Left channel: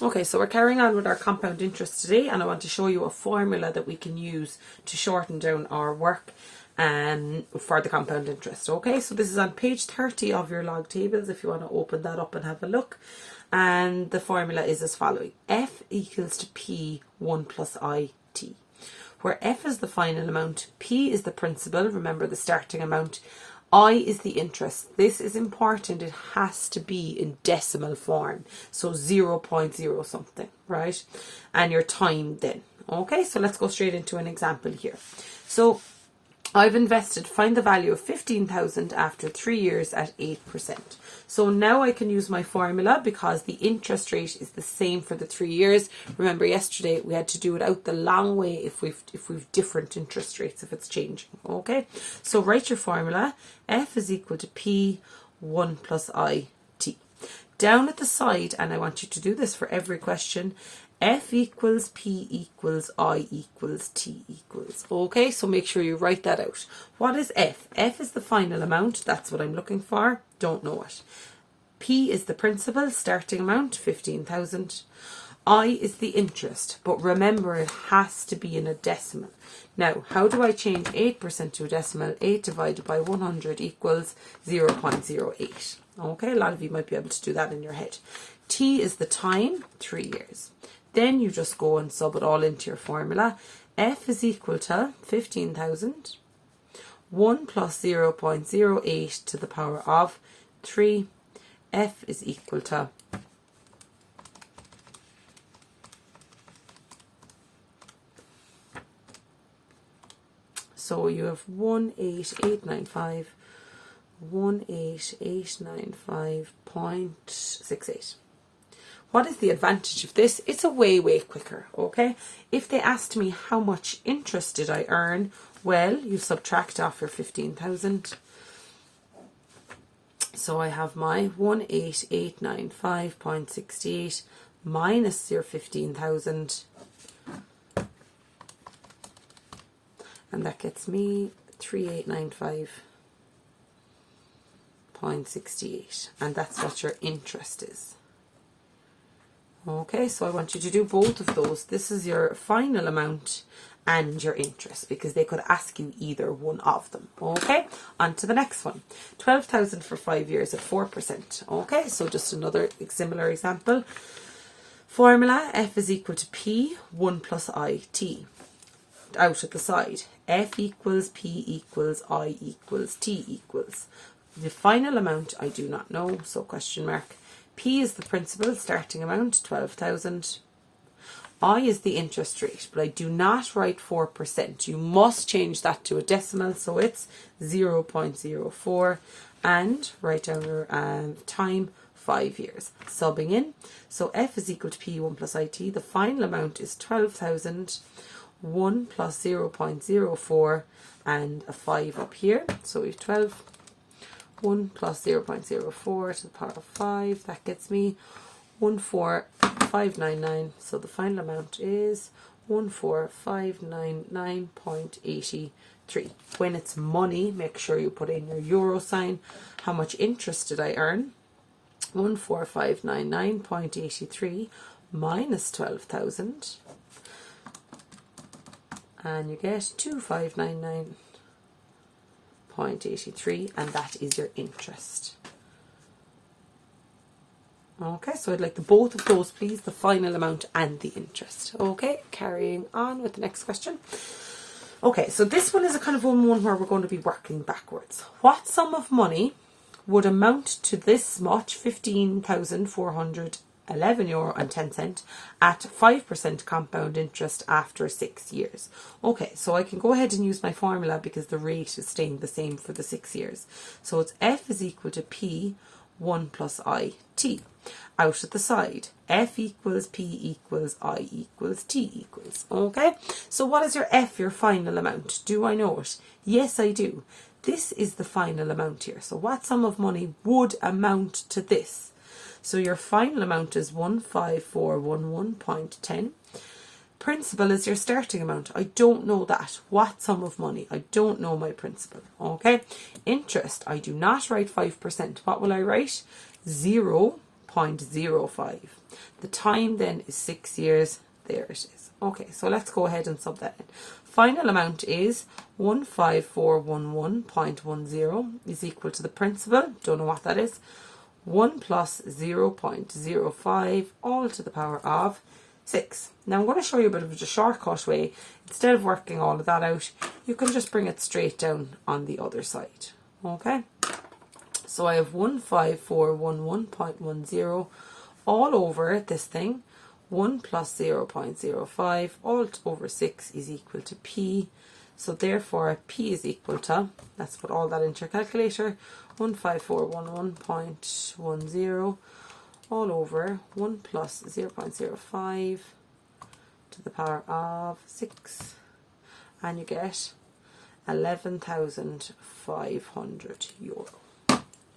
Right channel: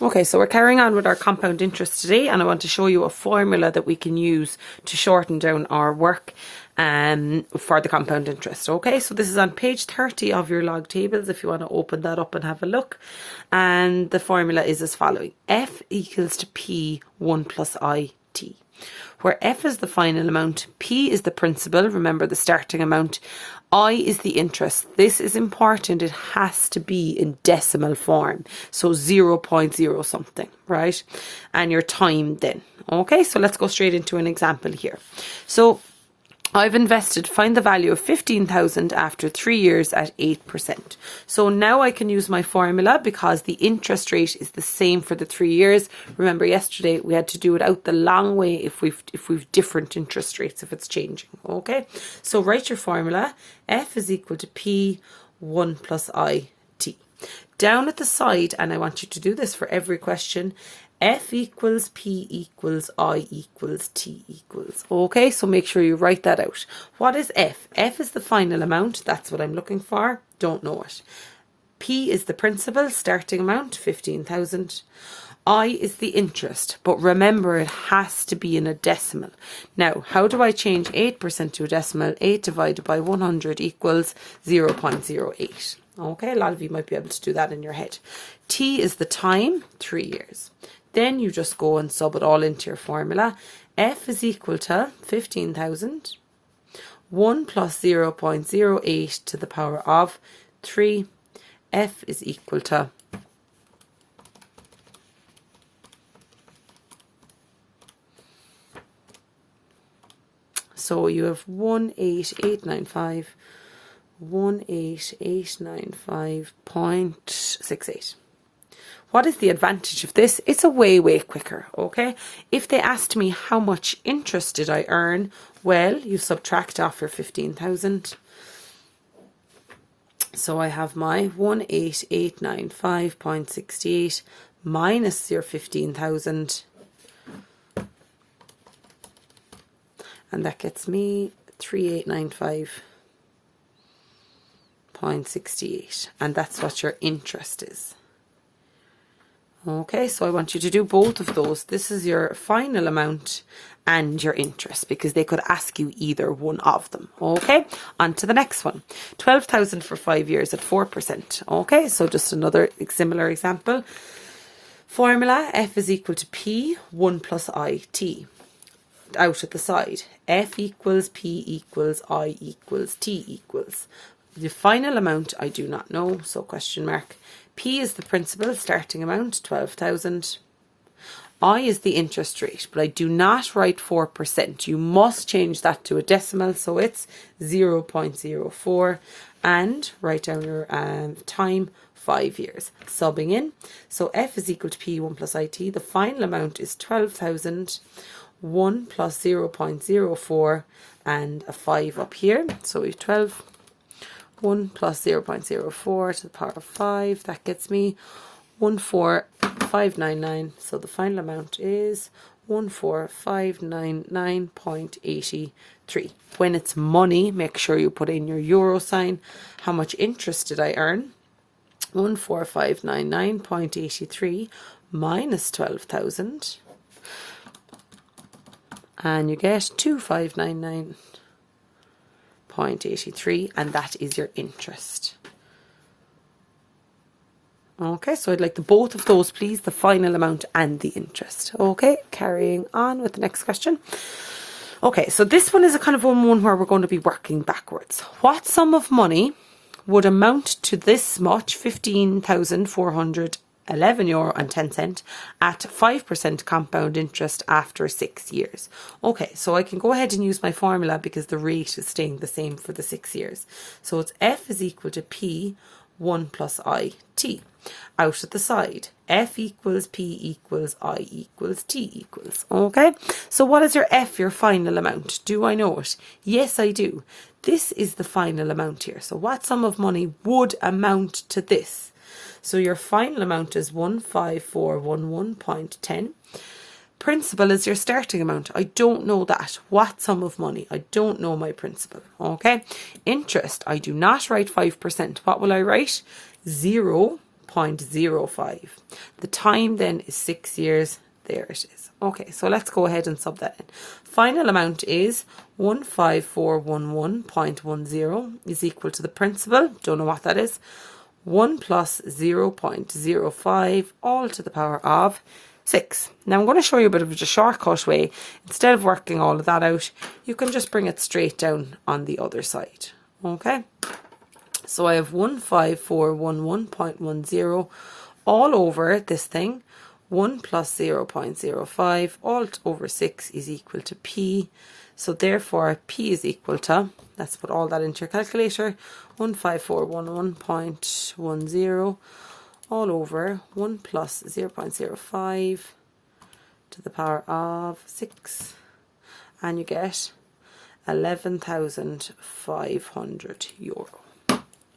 Okay, so we're carrying on with our compound interest today, and I want to show you a formula that we can use to shorten down our work for the compound interest. Okay, so this is on page 30 of your log tables if you want to open that up and have a look. And the formula is as following: F equals to P 1 plus I T, where F is the final amount, P is the principal, remember the starting amount, I is the interest. This is important. It has to be in decimal form. So 0.0 something, right? And your time then. Okay, so let's go straight into an example here. So I've invested, find the value of 15,000 after 3 years at 8%. So now I can use my formula because the interest rate is the same for the 3 years. Remember yesterday we had to do it out the long way if we've different interest rates, if it's changing. Okay, so write your formula. F is equal to P 1 plus I T. Down at the side, and I want you to do this for every question, F equals P equals I equals T equals. Okay, so make sure you write that out. What is F? F is the final amount. That's what I'm looking for. Don't know it. P is the principal, starting amount, 15,000. I is the interest, but remember it has to be in a decimal. Now, how do I change 8% to a decimal? 8 divided by 100 equals 0.08. Okay, a lot of you might be able to do that in your head. T is the time, 3 years. Then you just go and sub it all into your formula. F is equal to 15,000. 1 plus 0.08 to the power of 3. F is equal to so you have 18895.68. What is the advantage of this? It's a way quicker, okay? If they asked me how much interest did I earn, well, you subtract off your 15,000. So I have my 18895.68 minus your 15,000. And that gets me 3895.68. And that's what your interest is. Okay, so I want you to do both of those. This is your final amount and your interest, because they could ask you either one of them. Okay, on to the next one. 12,000 for 5 years at 4%. Okay, so just another similar example. Formula: F is equal to P 1 plus I T. Out at the side, F equals P equals I equals T equals. The final amount I do not know, so question mark. P is the principal, starting amount, 12,000. I is the interest rate, but I do not write 4%. You must change that to a decimal, so it's 0.04. And write down your time, 5 years. Subbing in. So F is equal to P 1 plus IT. The final amount is 12,000. 1 plus 0.04 and a 5 up here. So we have 12. 1 plus 0.04 to the power of 5. That gets me 14599. So the final amount is 14599.83. When it's money, make sure you put in your euro sign. How much interest did I earn? 14599.83 minus 12,000. And you get 2599.83, and that is your interest. Okay, so I'd like the both of those, please, the final amount and the interest. Okay, carrying on with the next question. Okay, so this one is a kind of one where we're going to be working backwards. What sum of money would amount to this much, 15,411 € at 5% compound interest after 6 years? Okay, so I can go ahead and use my formula because the rate is staying the same for the 6 years. So it's F is equal to P 1 plus I T. Out at the side, F equals P equals I equals T equals. Okay, so what is your F, your final amount? Do I know it? Yes, I do. This is the final amount here. So what sum of money would amount to this? So your final amount is 15411.10. Principal is your starting amount. I don't know that. What sum of money? I don't know my principal. Okay. Interest, I do not write 5%. What will I write? 0 0.05. The time then is 6 years. There it is. Okay, so let's go ahead and sub that in. Final amount is 15411.10 is equal to the principal, don't know what that is, 1 plus 0.05 all to the power of 6. Now I'm going to show you a bit of a shortcut way. Instead of working all of that out, you can just bring it straight down on the other side. Okay, so I have 15411.10 all over this thing. 1 plus 0.05 all over 6 is equal to P. So therefore P is equal to, let's put all that into your calculator, 15411.10 all over 1 plus 0.05 to the power of 6. And you get €11,500.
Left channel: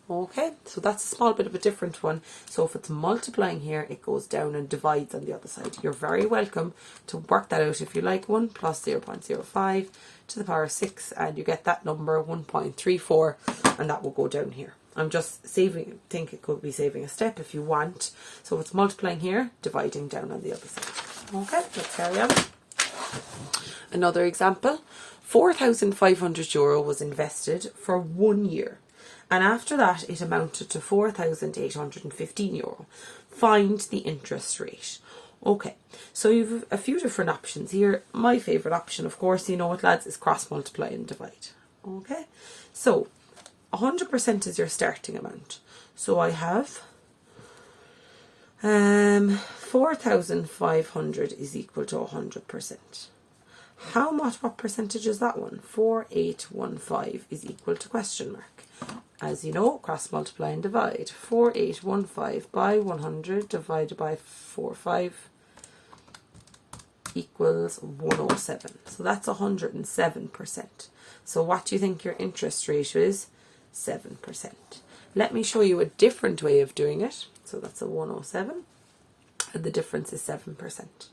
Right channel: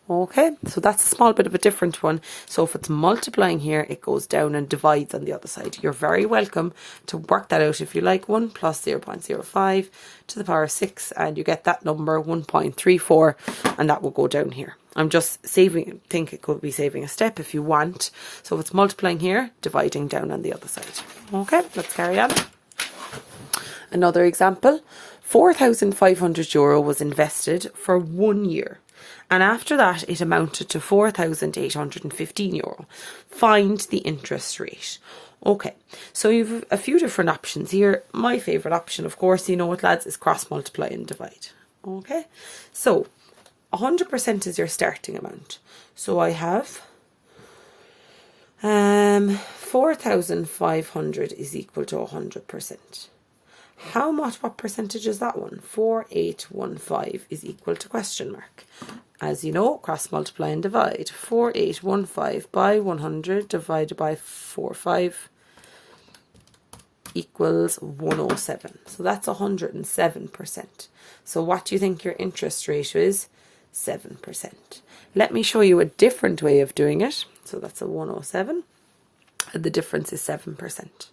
Okay, so that's a small bit of a different one. So if it's multiplying here, it goes down and divides on the other side. You're very welcome to work that out if you like. 1 plus 0.05 to the power of 6, and you get that number 1.34, and that will go down here. I'm just think it could be saving a step if you want. So if it's multiplying here, dividing down on the other side. Okay, let's carry on. Another example, €4,500 was invested for 1 year. And after that, it amounted to €4,815. Find the interest rate. Okay, so you've a few different options here. My favourite option, of course, you know it, lads, is cross multiply and divide. Okay, so 100% is your starting amount. So I have 4,500 is equal to 100%. What percentage is that one? 4815 is equal to question mark. As you know, cross multiply and divide. 4815 by 100 divided by 45 equals 107. So that's 107%. So what do you think your interest rate is? 7%. Let me show you a different way of doing it. So that's a 107. And the difference is 7%.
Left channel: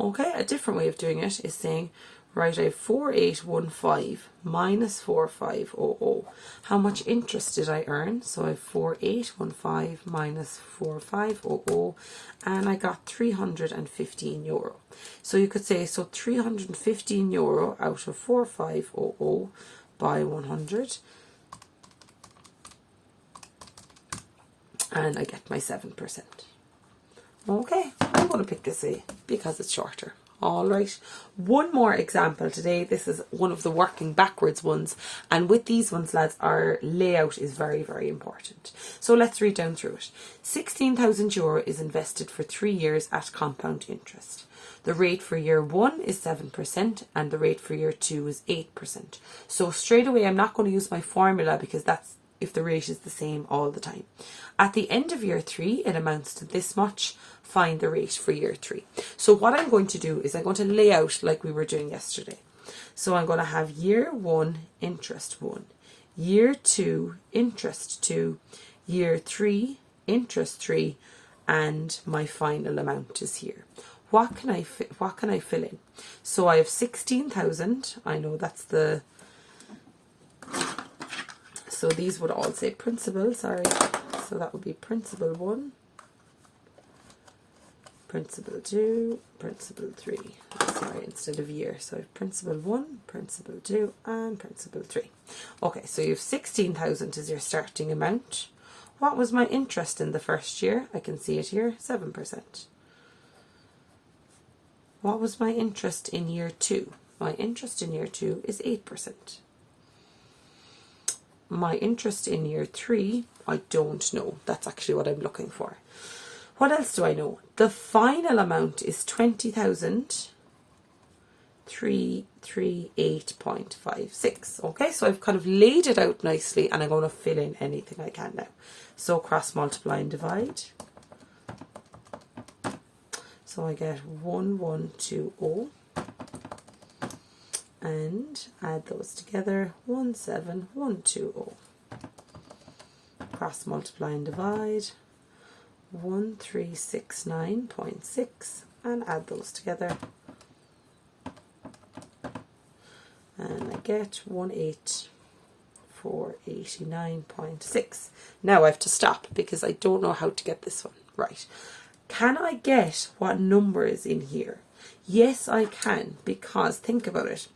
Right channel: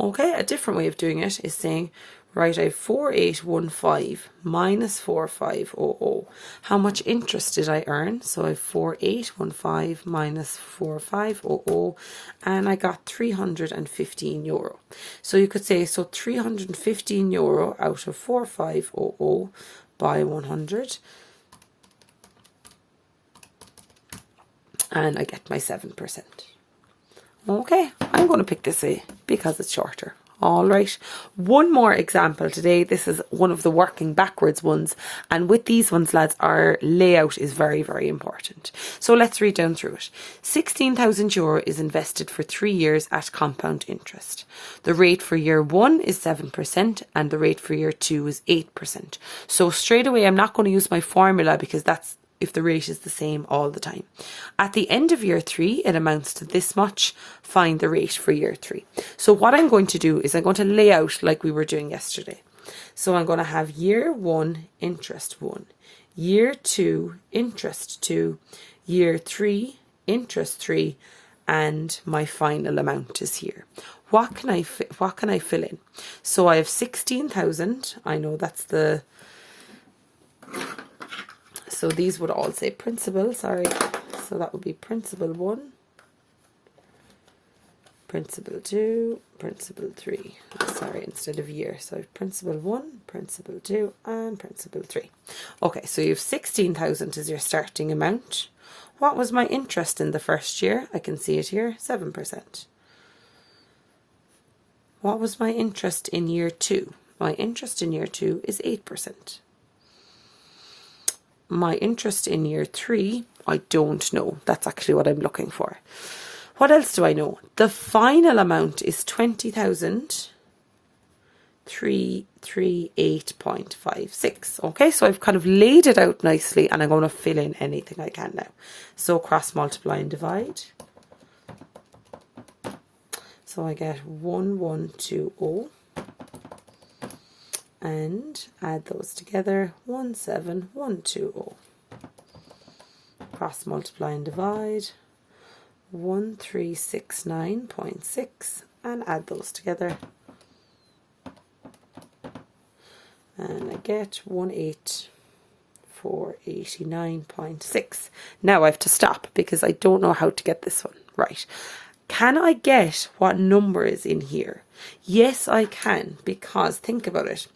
Okay, a different way of doing it is saying, right, I have 4815 minus 4500. How much interest did I earn? So I have 4815 minus 4500, and I got €315. So you could say, so €315 out of 4500 by 100, and I get my 7%. Okay, I'm going to pick this A because it's shorter. All right, one more example today. This is one of the working backwards ones, and with these ones, lads, our layout is very, very important. So let's read down through it. €16,000 is invested for 3 years at compound interest. The rate for year 1 is 7% and the rate for year 2 is 8%. So straight away, I'm not going to use my formula because that's if the rate is the same all the time. At the end of year 3, it amounts to this much. Find the rate for year 3. So what I'm going to do is I'm going to lay out like we were doing yesterday. So I'm going to have year 1, interest 1, year 2, interest 2, year 3, interest 3, and my final amount is here. What can I fill in? So I have 16,000. I know that's the... So these would all say principal, sorry. So that would be principal 1, principal 2, principal 3. Sorry, instead of year. So I have principal 1, principal 2, and principal 3. Okay, so you have 16,000 as your starting amount. What was my interest in the first year? I can see it here, 7%. What was my interest in year 2? My interest in year 2 is 8%. My interest in year 3, I don't know. That's actually what I'm looking for. What else do I know? The final amount is 20,338.56. Okay, so I've kind of laid it out nicely, and I'm going to fill in anything I can now. So cross multiply and divide. So I get 1120. And add those together, 17120. Cross multiply and divide, 1369.6, and add those together. And I get 489.6. Now I have to stop because I don't know how to get this one. Right. Can I get what number is in here? Yes, I can, because think about it.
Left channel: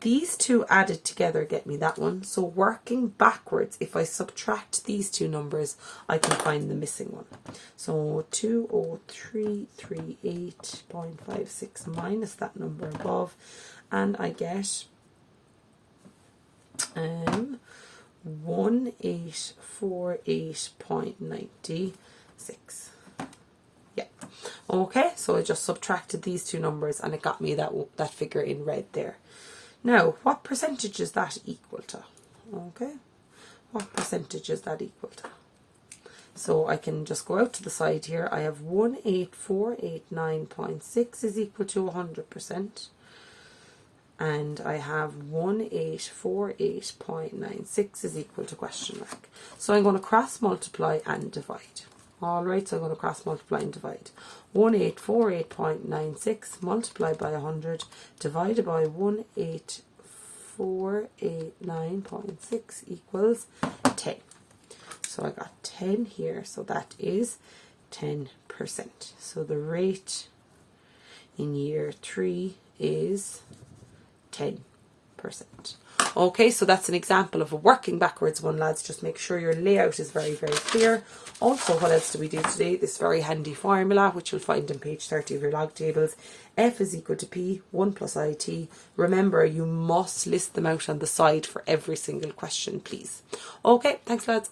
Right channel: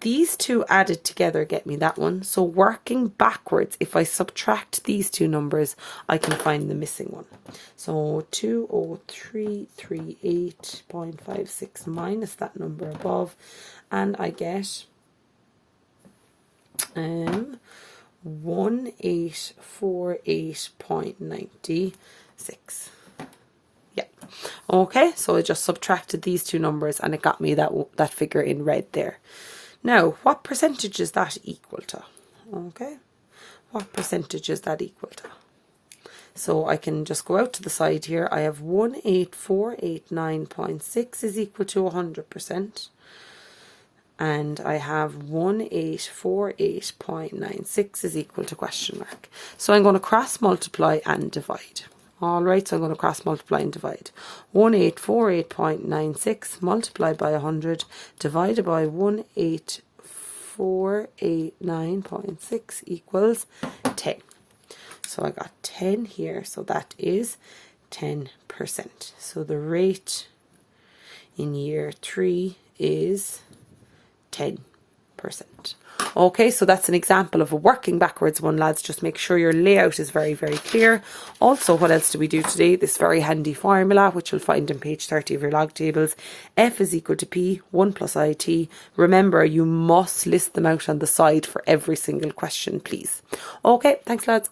These two added together get me that one. So working backwards, if I subtract these two numbers, I can find the missing one. So 20338.56 minus that number above, and I get 1848.96. Yeah. Okay, so I just subtracted these two numbers and it got me that figure in red there. Now, what percentage is that equal to? Okay, what percentage is that equal to? So I can just go out to the side here. I have 18489.6 is equal to 100%. And I have 1848.96 is equal to question mark. So I'm going to cross multiply and divide. Alright, so I'm going to cross multiply and divide. 1848.96 multiplied by 100 divided by 18489.6 equals 10. So I got 10 here, so that is 10%. So the rate in year 3 is 10%. Okay, so that's an example of a working backwards one, lads. Just make sure your layout is very, very clear. Also, what else do we do today? This very handy formula, which you'll find on page 30 of your log tables. F is equal to P, 1 plus IT. Remember, you must list them out on the side for every single question, please. Okay, thanks, lads.